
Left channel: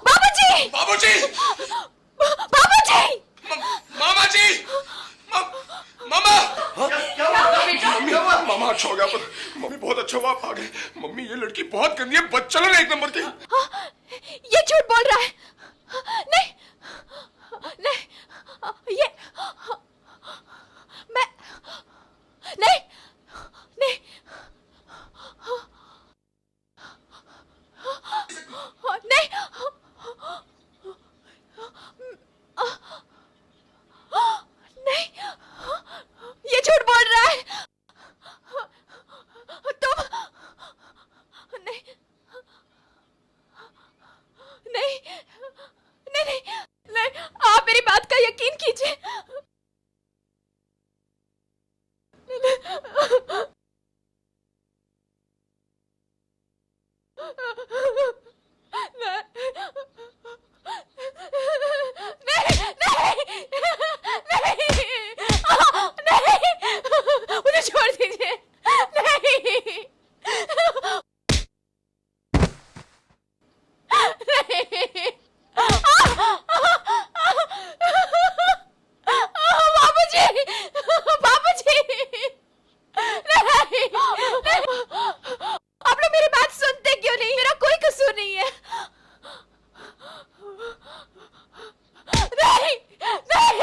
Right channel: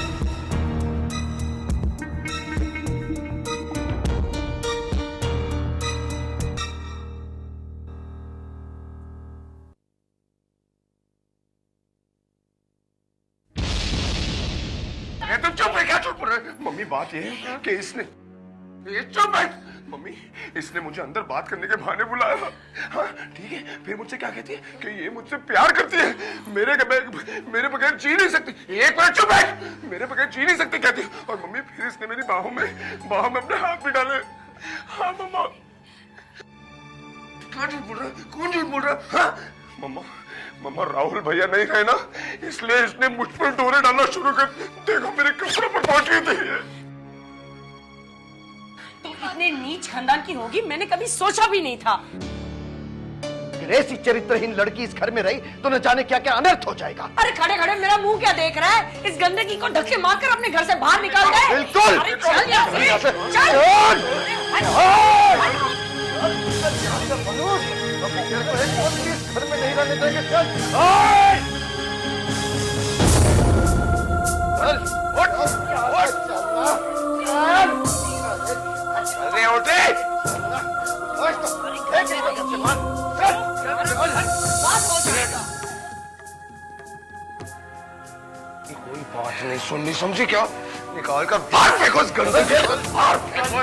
बाबूजी! बाबूजी! बाबूजी! मामा जी! मामा! अच्छा हो गया मम्मी, बहुत अच्छा हुआ आप आ गए। मम्मी ये लड़की बहुत गंदी है, बदचलन है एक नंबर की। ये झूठ बोल रहा है। तुम चुप है, क्या चुप बोल रहा है? मम्मी बात ये है कि इसने चुप है मम्मी, इसने मुझे अंदर बात करने के बहाने बुलाया। नहीं। हाँ, ठीक है, ये मुझसे क्या कहती है कि ये मुझसे प्यार करती है, मेरे बगैर जी नहीं सकती। एक मिनट चुप है, मेरे बगैर जी नहीं सकती कहती है। और मम्मी फिर इसने मेरी बाहों में अपने हाथ भी डाले। हाँ मम्मा, ये झूठ बोल रहा है। कौन झूठ बोल रहा है? कौन झूठ बोल रहा है? मम्मा राहुल भैया नहीं है ना, इसलिए इसने मुझ पर डोरे डालना शुरू कर। देखो मेरे कपड़े पर पहुंच गई थी। नहीं, आप मेरी बात का यकीन कीजिए। इतने नीच खानदान की होगी मैंने कभी सोचा भी नहीं था। अगर ऐसी चरित्रहीन लड़की इस घर में रही तो न जाने क्या क्या अनर्थ हो जाएगा। अरे खड़े खड़े मेरा मुंह क्या देख रहा है? इस गंदगी को धक्के मारकर अपने घर से बाहर निकाल दे। बिल्कुल। अरे चल यहाँ से, मुझे छोड़ दीजिए। आप लोग मेरी बात सुनते क्यों नहीं? मेरा कोई कसूर नहीं है। कोई बात नहीं सुननी समझी क्या? निकाल कर बाहर फेंको इस गंदे को। बाबूजी,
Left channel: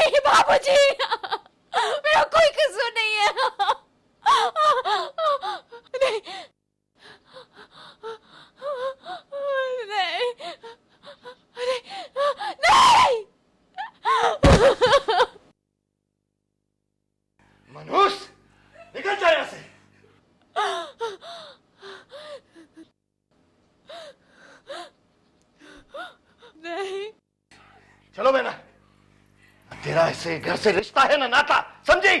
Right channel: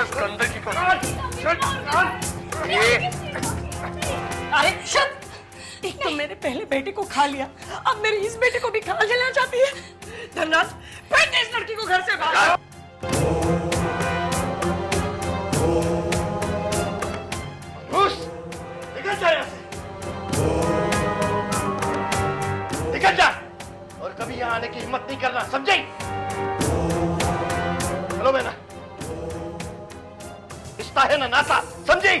मेरा कोई कसूर नहीं है। एक तो मेरे पहले बेटे को खा लिया, अब मेरे इस बेटे को भी खा लेना चाहती है। धनराज, फेंक दे इस लड़की को घर से बाहर। मनोज, निकल जा यहाँ से। निकल जा और कभी यहाँ आने की हिम्मत नहीं करना, समझे? चलो बेना, तेरा ऐसे घर से रिश्ता है ना नाता, समझी?